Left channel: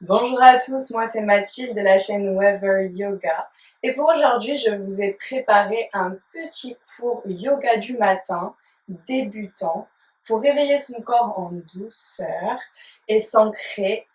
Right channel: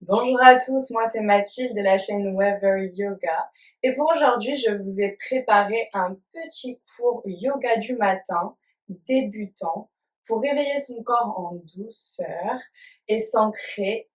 Bonjour à tous, moi c'est Mathilde de la chaîne Weather Yoga et pour aujourd'hui je vous ai préparé un petit cours yoga du matin débutant pour réveiller son corps en douceur et s'ancrer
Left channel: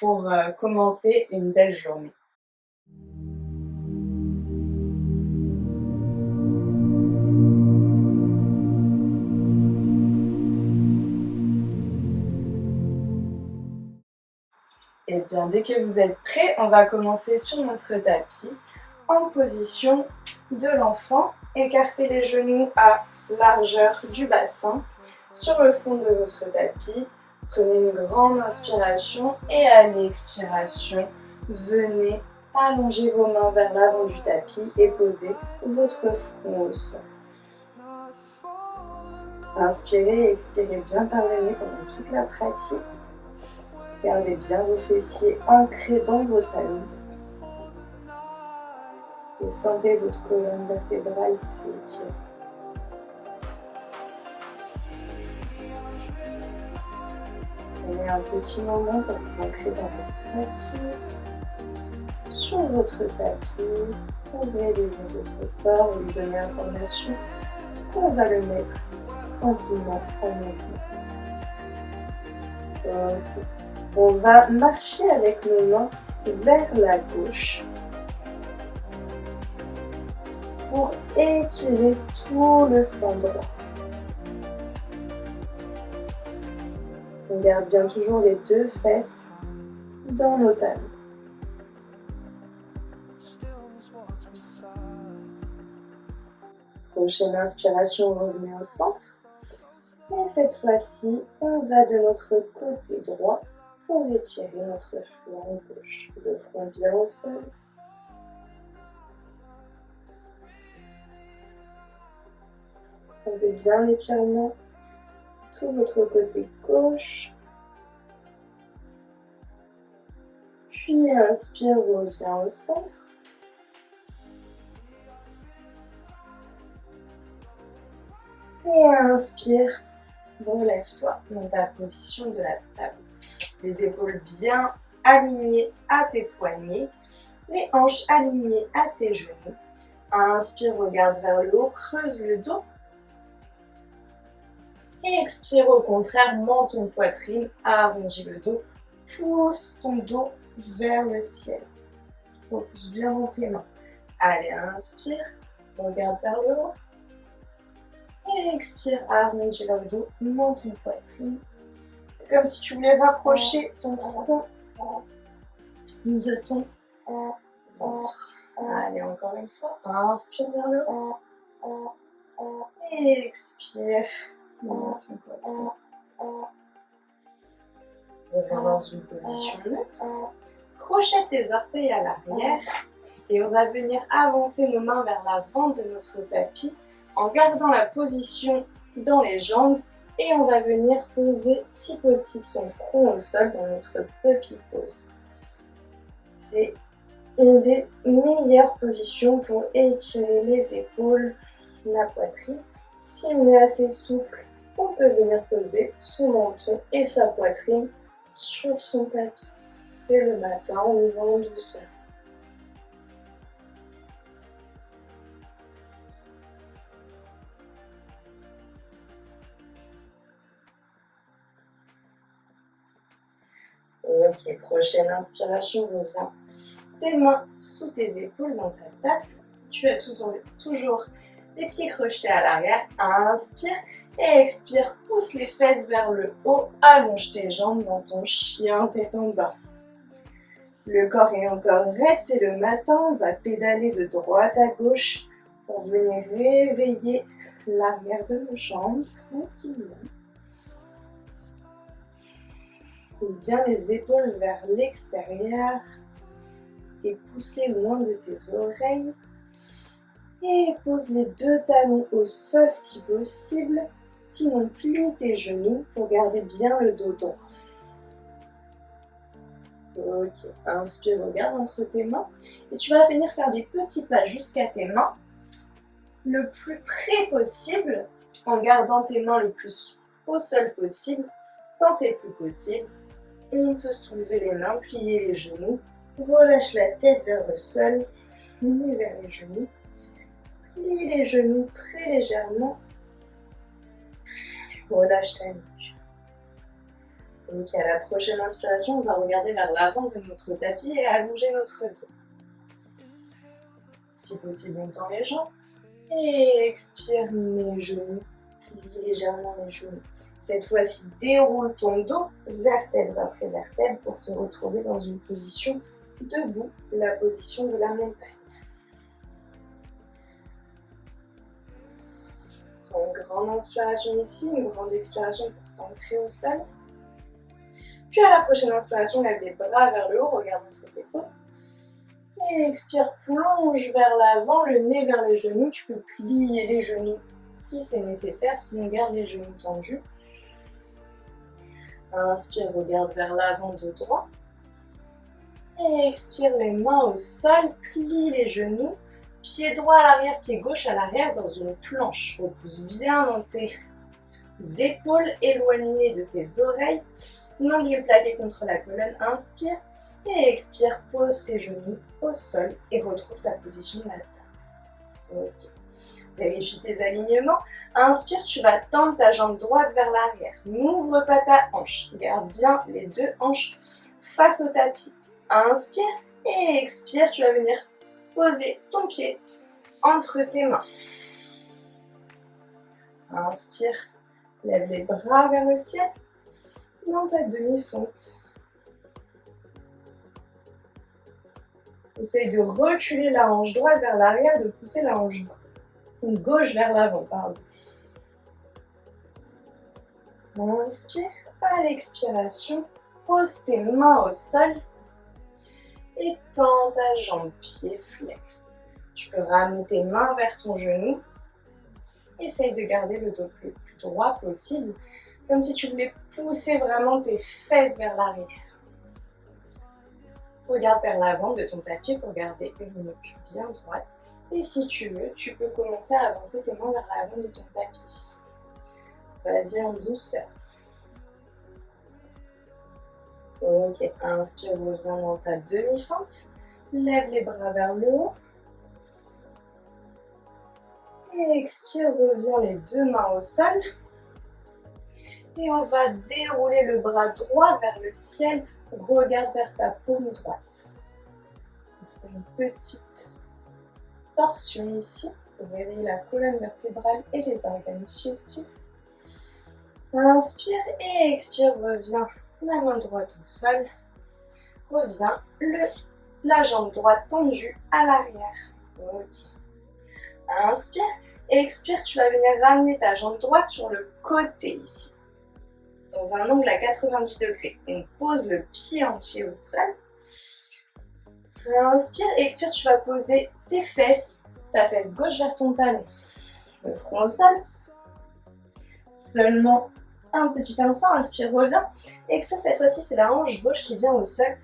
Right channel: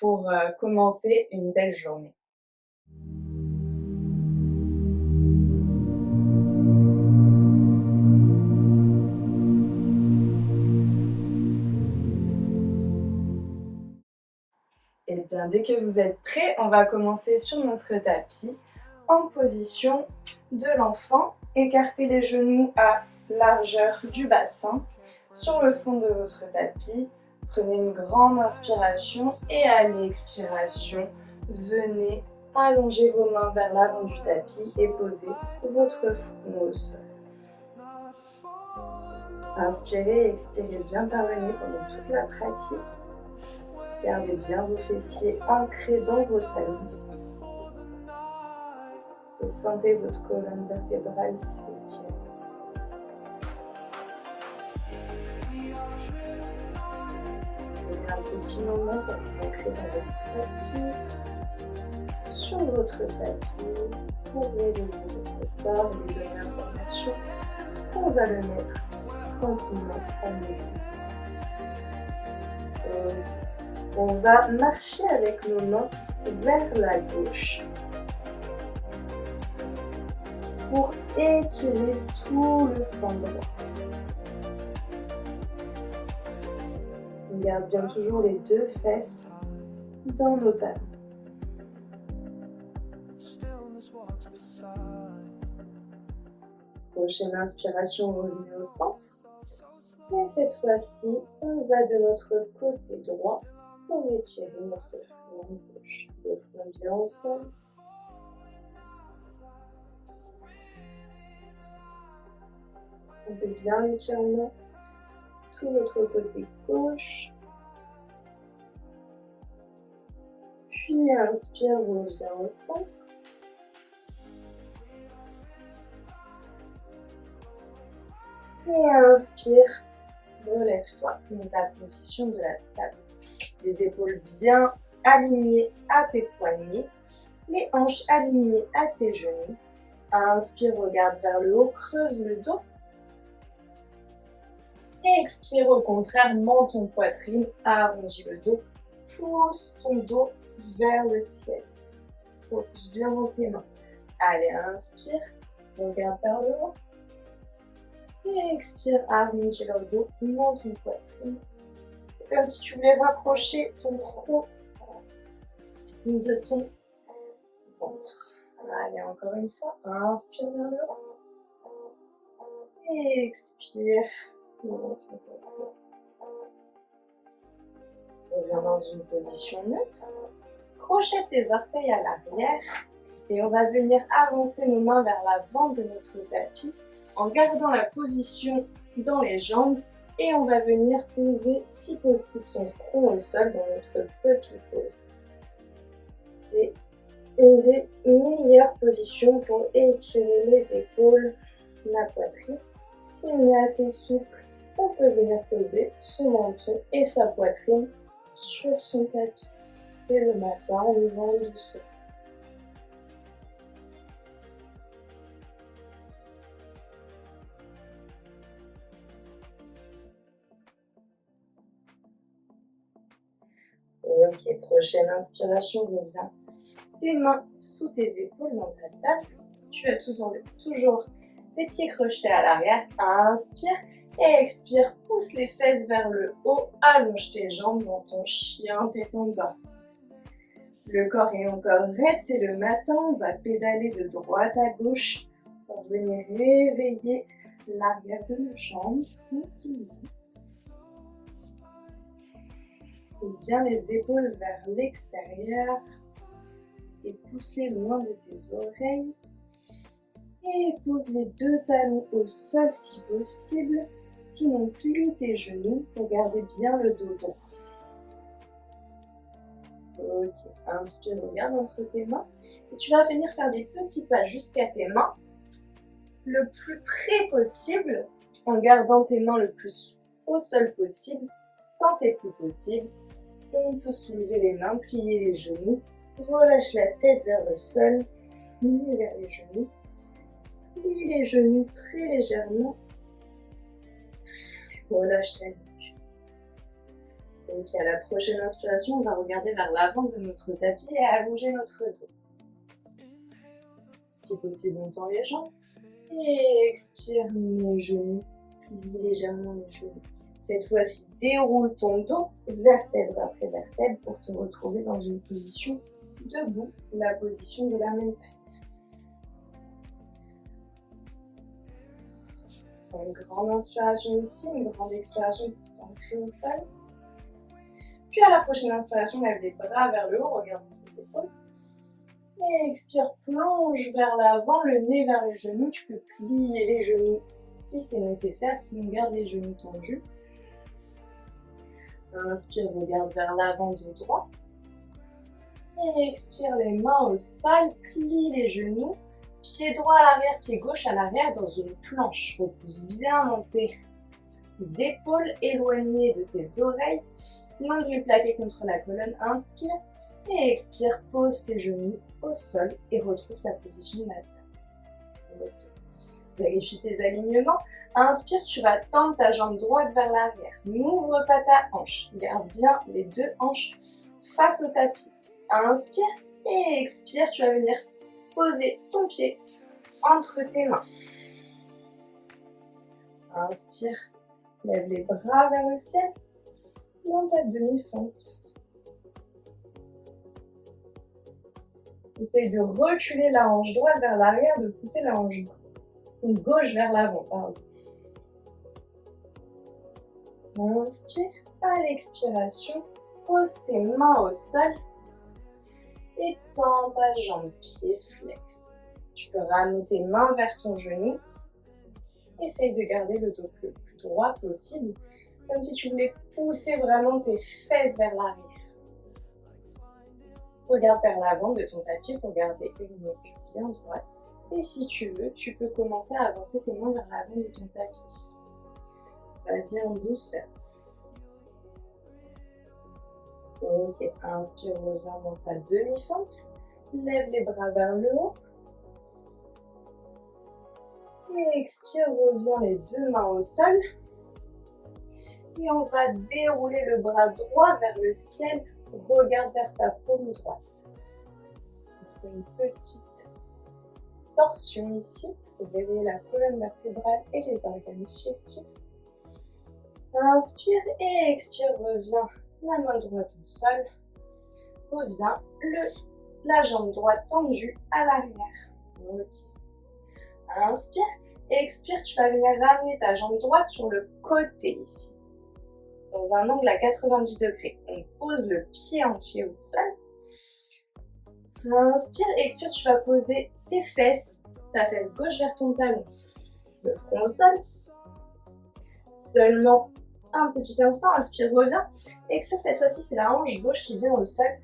pour commencer une belle journée. Et bien dès que vous êtes prêts, on va commencer sur notre tapis en position de l'enfant. Écartez les genoux à largeur du bassin sur le fond de votre tapis. Prenez une grande inspiration et à l'expiration, venez allonger vos mains vers l'avant du tapis et posez votre front au sol. Inspirez et expirez bien par le nez pendant toute la pratique. Gardez bien vos fessiers ancrés dans vos talons. Et sentez votre colonne vertébrale s'étirer. Prenez un petit moment pour vous ancrer dans votre pratique. Sur votre tapis, ouvrez les yeux de votre corps et lui donnez l'information qu'on va le mettre tranquillement en mouvement. Ok. On va marcher avec nos mains vers la gauche pour étirer tout le flanc droit. On garde bien toujours les deux fesses dans nos talons. Prochaine inspiration, revenez au centre. Et cette fois-ci, on va de notre côté droit pour étirer notre flanc gauche. Le front bien au sol. Sentez bien l'étirement. Tout votre côté gauche. Puis inspire, reviens au centre. Et inspire, relève-toi dans ta position de la table. Les épaules bien alignées à tes poignets, les hanches alignées à tes genoux. Inspire, regarde vers le haut, creuse le dos. Et expire au contraire, menton poitrine, arrondis le dos, pousse ton dos vers le ciel. Repousse bien dans tes mains. Allez, inspire, regarde vers le haut. Et expire, arrondis le dos, menton poitrine. Comme si tu voulais rapprocher ton front de ton ventre. Allez, encore une fois. Inspire vers le haut. Et expire. Menton poitrine. Reviens dans une position neutre. Crochette tes orteils à l'arrière. Et on va venir avancer nos mains vers l'avant de notre tapis en gardant la position dans les jambes. Et on va venir poser, si possible, son front au sol dans notre puppy pose. C'est une des meilleures positions pour étirer les épaules, la poitrine. Si on est assez souple, on peut venir poser son menton et sa poitrine sur son tapis. C'est le matin, on y va en douceur. Ok, prochaine inspiration, reviens. Tes mains sous tes épaules dans ta table. Tu as toujours les pieds crochetés à l'arrière. Inspire et expire. Pousse les fesses vers le haut. Allonge tes jambes dans ton chien tête en bas. Le corps est encore raide, c'est le matin. On va pédaler de droite à gauche pour venir réveiller l'arrière de nos jambes tranquillement. Bien les épaules vers l'extérieur et pousse-les loin de tes oreilles. Et pose les deux talons au sol si possible. Sinon, plie tes genoux pour garder bien le dos droit. Ok, inspire, regarde entre tes mains. Et tu vas venir faire des petits pas jusqu'à tes mains. Le plus près possible, en gardant tes mains le plus au sol possible. Quand c'est plus possible, On peut soulever les mains, plier les genoux. Relâche la tête vers le sol, nez vers les genoux. Plie les genoux très légèrement. Relâche ta nuque. Ok, à la prochaine inspiration, on va regarder vers l'avant de notre tapis et allonger notre dos. Si possible, on tend les jambes. Et expire, les genoux. Plie légèrement les genoux. Cette fois-ci, déroule ton dos, vertèbre après vertèbre, pour te retrouver dans une position debout, la position de la montagne. Prends une grande inspiration ici, une grande expiration pour t'ancrer au sol. Puis à la prochaine inspiration, lève les bras vers le haut, regarde entre tes épaules. Et expire, plonge vers l'avant, le nez vers les genoux. Tu peux plier les genoux si c'est nécessaire, sinon garde les genoux tendus. Inspire, regarde vers l'avant de droit. Et expire, les mains au sol, plie les genoux. Pied droit à l'arrière, pied gauche à l'arrière dans une planche. Repousse bien dans tes épaules, éloignées de tes oreilles. Nombril plaqué contre la colonne. Inspire et expire, pose tes genoux au sol et retrouve ta position de la table. Ok. Vérifie tes alignements. Inspire, tu vas tendre ta jambe droite vers l'arrière. N'ouvre pas ta hanche. Garde bien les deux hanches face au tapis. Inspire et expire, tu vas venir poser ton pied entre tes mains. Inspire, lève les bras vers le ciel dans ta demi-fente. Essaye de reculer la hanche droite vers l'arrière, de pousser la hanche gauche vers l'avant, pardon. Inspire, à l'expiration, pose tes mains au sol et tends ta jambe, pied flex. Tu peux ramener tes mains vers ton genou. Essaye de garder le dos le plus droit possible, comme si tu voulais pousser vraiment tes fesses vers l'arrière. Regarde vers l'avant de ton tapis pour garder une nuque bien droite. Et si tu veux, tu peux commencer à avancer tes mains vers l'avant de ton tapis. Vas-y en douceur. Ok, inspire, reviens dans ta demi-fente. Lève les bras vers le haut. Et expire, reviens les deux mains au sol. Et on va dérouler le bras droit vers le ciel. Regarde vers ta paume droite. On fait une petite torsion ici pour réveiller la colonne vertébrale et les organes digestifs. Inspire et expire, reviens la main droite au sol. Reviens la jambe droite tendue à l'arrière. Ok. Inspire et expire, tu vas venir ramener ta jambe droite sur le côté ici. Dans un angle à 90 degrés. On pose le pied entier au sol. Inspire et expire, tu vas poser tes fesses, ta fesse gauche vers ton talon. Le front au sol. Seulement un petit instant, inspire, reviens. Expire, cette fois-ci, c'est la hanche gauche qui vient au sol.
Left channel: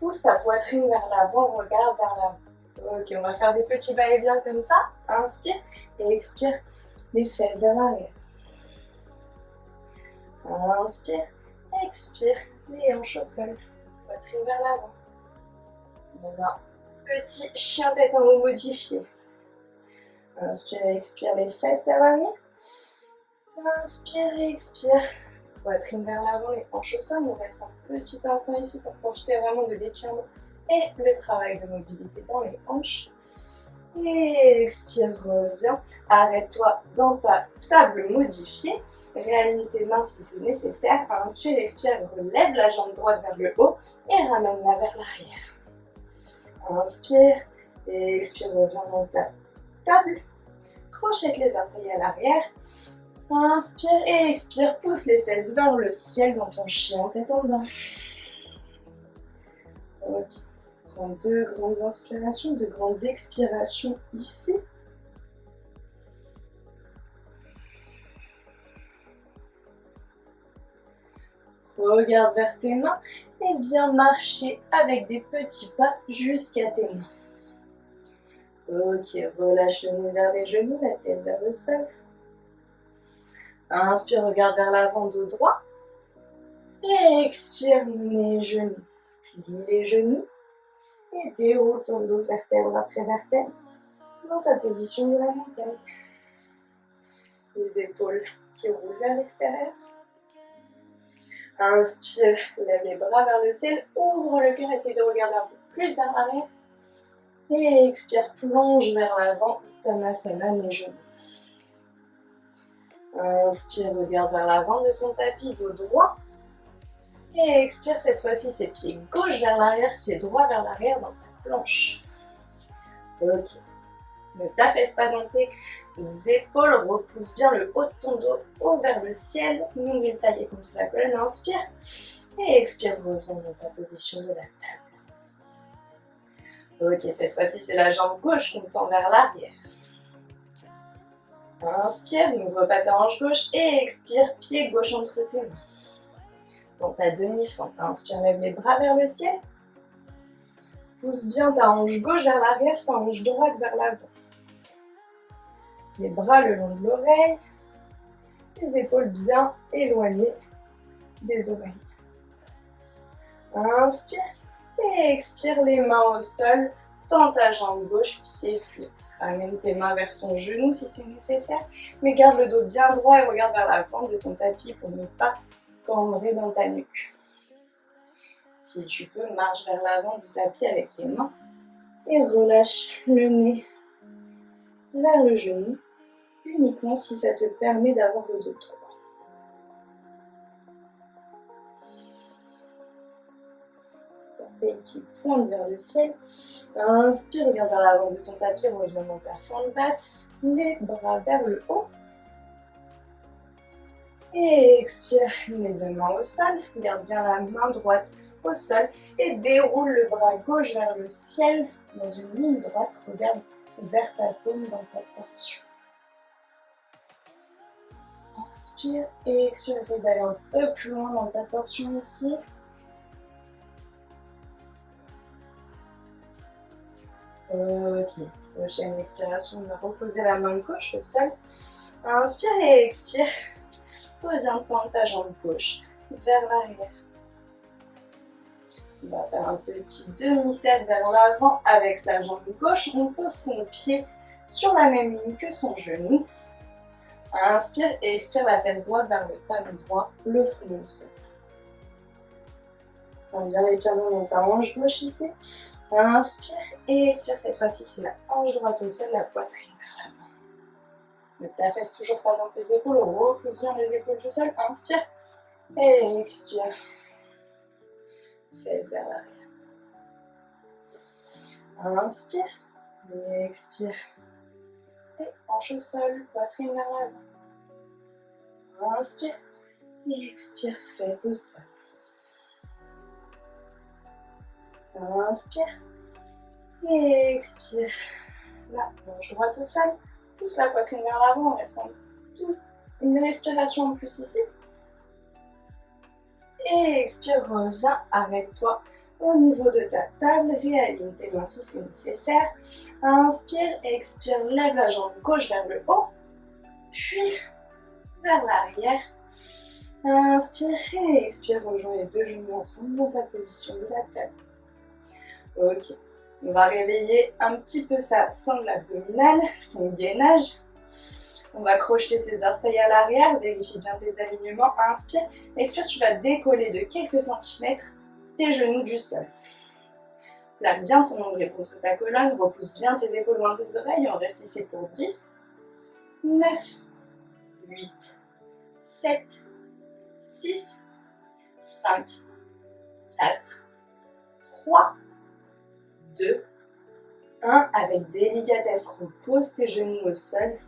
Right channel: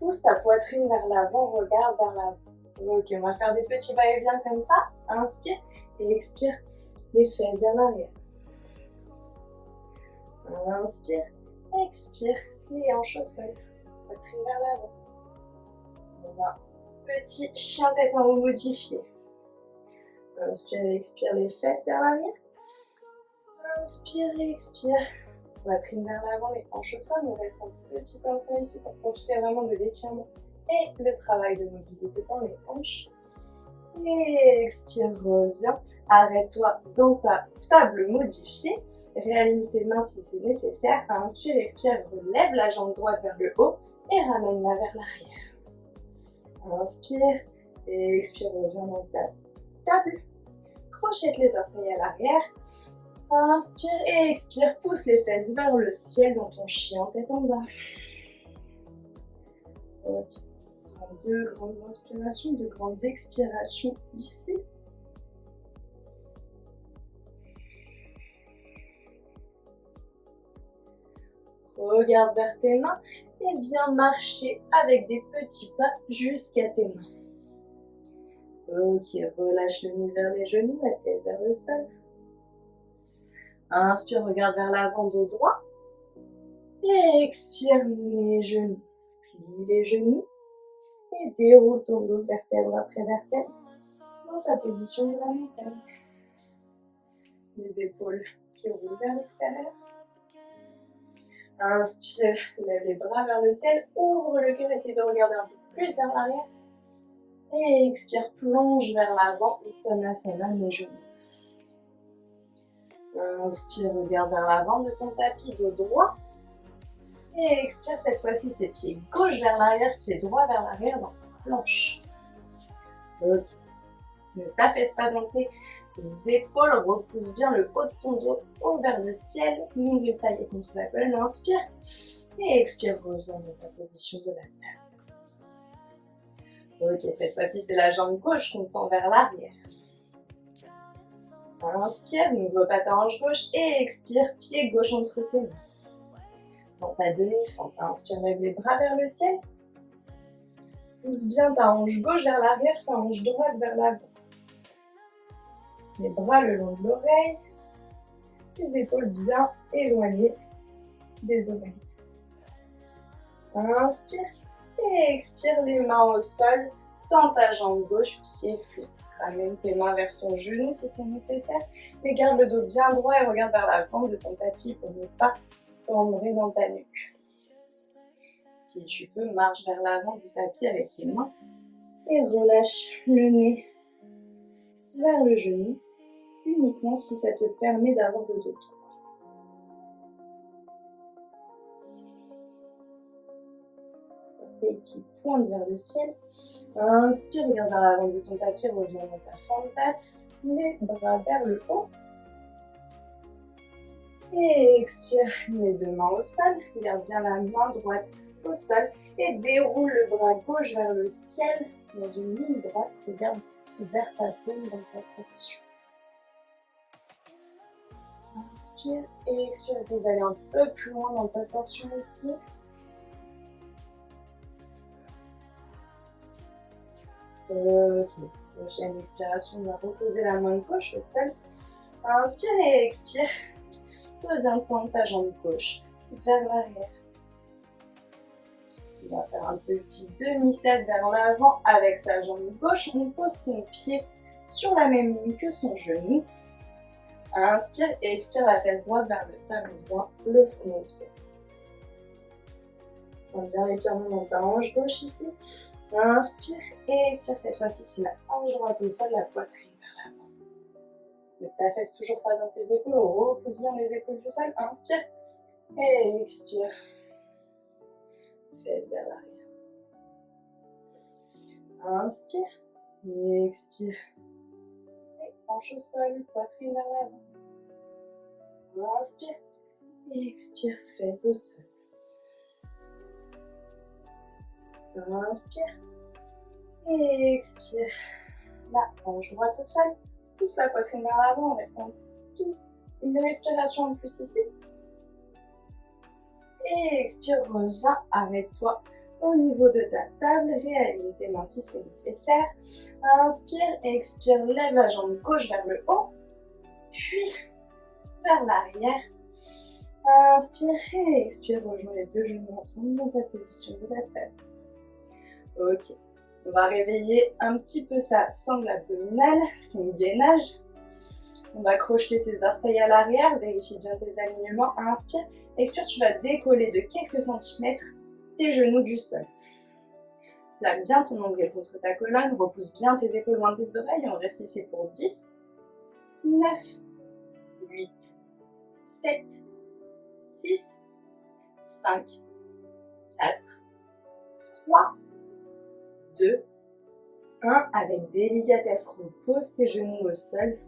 Pousse ta poitrine vers l'avant, regarde vers l'avant. Ok, on va faire des petits va-et-vient comme ça. Inspire et expire, les fesses vers l'arrière. Inspire, expire, les hanches au sol, poitrine vers l'avant. Dans un petit chien tête en haut modifié. Inspire et expire, les fesses vers l'arrière. Inspire et expire, poitrine vers l'avant, les hanches au sol. On reste un petit instant ici pour profiter vraiment de l'étirement et le travail de mobilité dans les hanches. Et expire, reviens. Arrête-toi dans ta table modifiée. Réaligne tes mains si c'est nécessaire. Inspire, expire, relève la jambe droite vers le haut et ramène-la vers l'arrière. Inspire et expire, reviens dans ta table. Crochette les orteils à l'arrière. Inspire et expire, pousse les fesses vers le ciel dans ton chien tête en bas. Ok. Prends deux grandes inspirations, deux grandes expirations ici. Regarde vers tes mains et viens marcher avec des petits pas jusqu'à tes mains. Ok, relâche le nez vers les genoux, la tête vers le sol. Inspire, regarde vers l'avant, dos droit. Et expire, nez, genoux. Plie les genoux et déroule ton dos vertèbre après vertèbre dans ta position de la montagne. Les épaules qui roulent vers l'extérieur. Inspire, lève les bras vers le ciel, ouvre le cœur, essaye de regarder un peu plus vers l'arrière. Et expire, plonge vers l'avant, Uttanasana, nez genoux. Inspire, regarde vers l'avant de ton tapis, dos droit. Et expire, cette fois-ci, c'est pied gauche vers l'arrière, pied droit vers l'arrière dans ta planche. Ok. Ne t'affaisse pas dans tes épaules, repousse bien le haut de ton dos haut vers le ciel. Nombril taillé contre la colonne, inspire. Et expire, reviens dans ta position de la table. Ok, cette fois-ci, c'est la jambe gauche qu'on tend vers l'arrière. Inspire, n'ouvre pas ta hanche gauche et expire, pied gauche entre tes mains. Dans ta demi-fente, inspire, lève les bras vers le ciel. Pousse bien ta hanche gauche vers l'arrière, ta hanche droite vers l'avant. Les bras le long de l'oreille, les épaules bien éloignées des oreilles. Inspire et expire, les mains au sol. Tends ta jambe gauche, pied flex. Ramène tes mains vers ton genou si c'est nécessaire, mais garde le dos bien droit et regarde vers la fente de ton tapis pour ne pas cambrer dans ta nuque. Si tu peux, marche vers l'avant du tapis avec tes mains et relâche le nez vers le genou, uniquement si ça te permet d'avoir le dos droit. Orteils qui pointent vers le ciel. Inspire, regarde vers l'avant de ton tapis, reviens dans ta fente basse, les bras vers le haut. Et expire, les deux mains au sol, garde bien la main droite au sol et déroule le bras gauche vers le ciel dans une ligne droite, regarde vers ta paume dans ta torsion. Inspire et expire, essaye d'aller un peu plus loin dans ta torsion ici. Ok, prochaine expiration, on va reposer la main gauche au sol. Inspire et expire, reviens tendre ta jambe gauche vers l'arrière. On va faire un petit demi-cercle vers l'avant avec sa jambe gauche. On pose son pied sur la même ligne que son genou. Inspire et expire, la fesse droite vers le talon droit, le front au sol. Sens bien l'étirement dans ta hanche gauche ici. Inspire et expire, cette fois-ci c'est la hanche droite au sol, la poitrine vers l'avant. Ne t'affaisse toujours pas dans tes épaules, repousse bien les épaules du sol. Inspire et expire. Fesse vers l'arrière. Inspire et expire. Et hanche au sol, poitrine vers l'avant. Inspire et expire, fesse au sol. Inspire et expire. La hanche droite au sol, pousse la poitrine vers l'avant en restant une respiration en plus ici. Et expire, reviens, arrête-toi au niveau de ta table, réaligne tes mains si c'est nécessaire. Inspire, expire, lève la jambe gauche vers le haut, puis vers l'arrière. Inspire et expire, rejoins les deux genoux ensemble dans ta position de la table. Ok, on va réveiller un petit peu sa sangle abdominale, son gainage. On va crocheter ses orteils à l'arrière, vérifie bien tes alignements. Inspire, expire, tu vas décoller de quelques centimètres tes genoux du sol. Plaque bien ton nombril contre ta colonne, repousse bien tes épaules loin de tes oreilles. On reste ici pour 10, 9, 8, 7, 6, 5, 4, 3, 2, 1. Avec délicatesse, repose tes genoux au sol.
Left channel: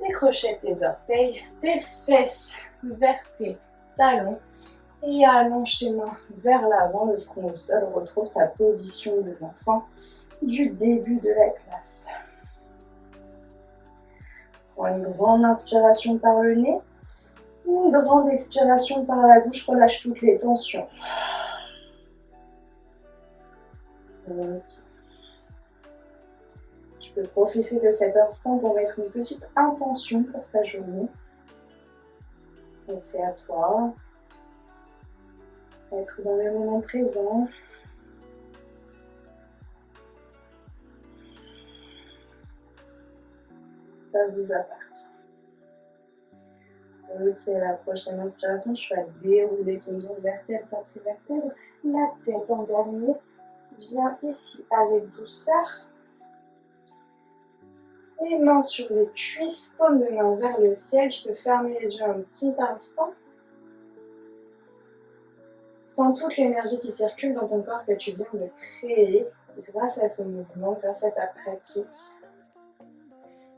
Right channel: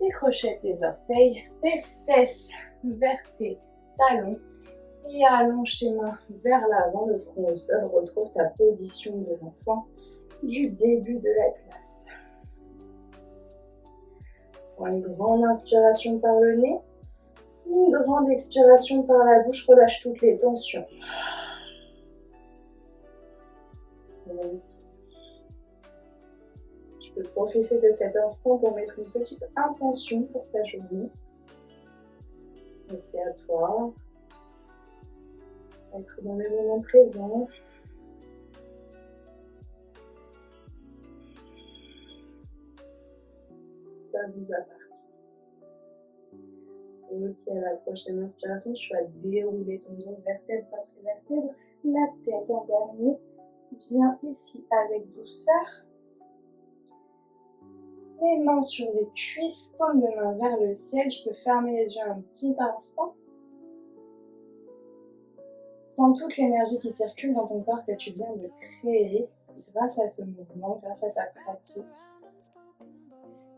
Décrochette tes orteils, tes fesses vers tes talons et allonge tes mains vers l'avant, le front au sol. Retrouve ta position de l'enfant du début de la classe. Prends une grande inspiration par le nez, une grande expiration par la bouche, relâche toutes les tensions. Okay. Tu peux profiter de cet instant pour mettre une petite intention pour ta journée. C'est à toi. Être dans le moment présent. Ça vous appartient. Ok, la prochaine inspiration, tu vas dérouler ton dos vertèbre après vertèbre. La tête en dernier. Viens ici avec douceur. Les mains sur les cuisses, paume de main vers le ciel. Je peux fermer les yeux un petit instant. Sens toute l'énergie qui circule dans ton corps que tu viens de créer grâce à ce mouvement, grâce à ta pratique.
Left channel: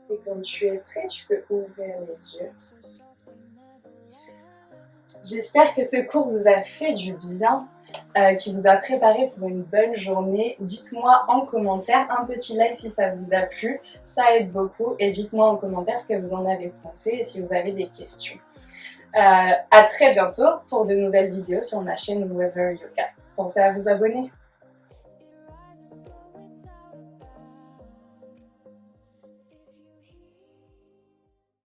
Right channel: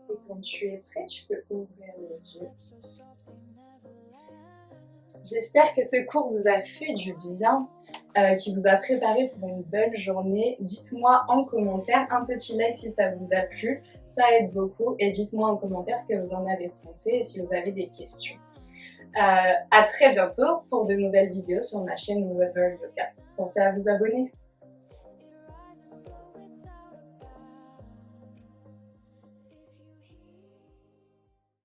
Et quand tu es prêt, tu peux ouvrir les yeux. J'espère que ce cours vous a fait du bien, qui vous a préparé pour une bonne journée. Dites-moi en commentaire, un petit like si ça vous a plu, ça aide beaucoup. Et dites-moi en commentaire ce que vous en avez pensé et si vous avez des questions. À très bientôt pour de nouvelles vidéos sur ma chaîne Weaver Yoga. Pensez à vous abonner.